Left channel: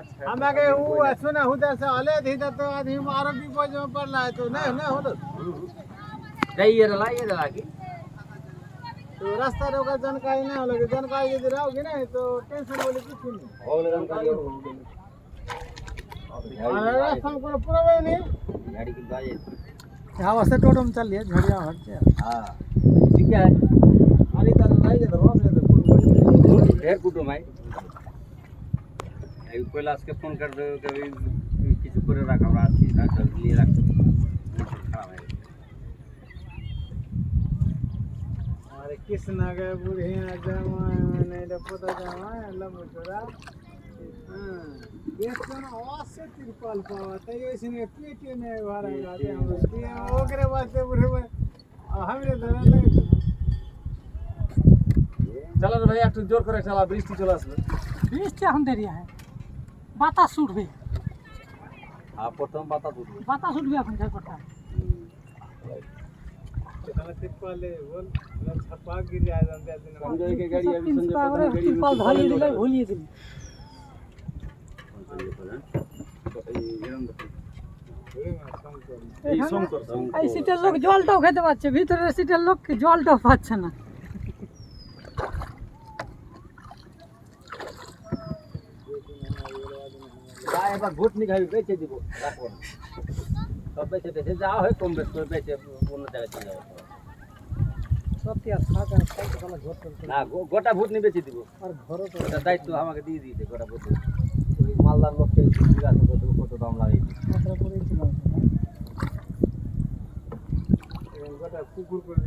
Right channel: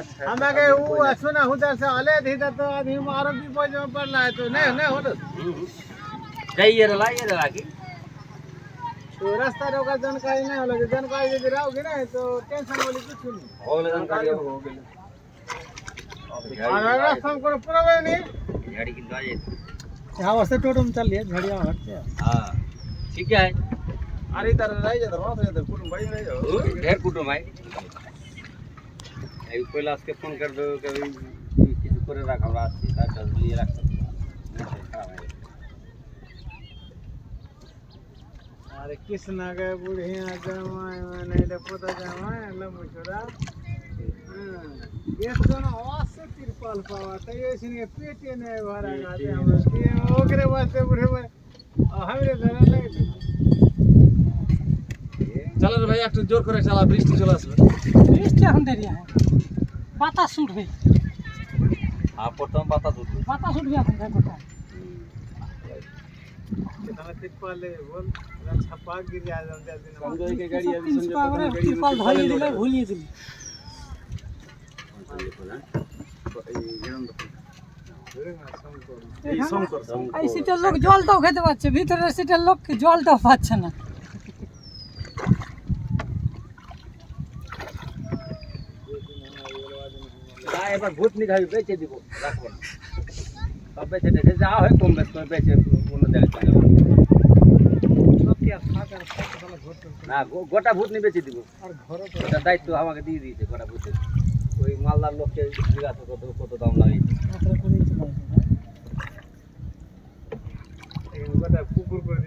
हमारे वो सुना उधर से आले इधर तो आदमी मारो भी पहुंच में पड़ना है तो नहीं हो तो ये रला की तो रास्ता रोका जानकारी नहीं होगी जानकारी यदि रहोगे ना तो टेंशन वाली कुछ नहीं हो ले जानकारी हो गई और रास्ता में कोई प्रॉब्लम नहीं गाड़ी की गाड़ी यहाँ वास्ते टोटो में चल लिए झड़िया हटते हां ठीक है अरे इधर रह जा तो तो कुल बड़ी नहीं ढेर कुटुम है এই কৈলাস কে ফোন कर दो कि কিছু করে রাখ আমরা আসছি ডাক্তার নিয়ে রাখতে अरे कृष्ण के बुढ़िया जमाए मैंने इधर पता जमाए लमुचुरा ये तो ना वास्ते तिरपाल पावा तो ये इसने पेटे ने भरा गाते हम लोग ये ओकरे वास्ते बुढ़े हमरे धरा नहीं चलो रे भाई একটু জোর করে চালা বৃষ্টি চলে আসবে বৃষ্টি এখন দেরি হয় বাতাস উঠবে প্রথম বাতাস উঠবে এখন দেখোটা कितना तिरपाल ले बोल ना छपा गिर जाए हम दिन संजय के गाड़ी अभी संजय पता नहीं गाड़ी তিরপাল ধরিয়ে দিলে ভুলিয়ে দিলে এই শঙ্কর এই সিটের লোক জলটাও খেতে পাচ্ছে ভিতরের সিটের লোক জলটাও পাচ্ছে না গায়ে এবার ভূত নিঘাবি বেচে দিব রাখবো না সব বেচে দেখে যা হয় কম বেশ করে বেচে অন্য জায়গায় চলে যাবো सब क्या फाका साला घर पर না গোটা ভূত নিয়ে বেচে দিব और घरों पर এটা দায়িত্ব আমাকে দিয়ে দিয়েছে গোটা ভূত ওই মালদার লোককে জিজ্ঞাসা কত কত দাম লাগে মাত্রা করেই চলে আসবে गोटा कुकुर कर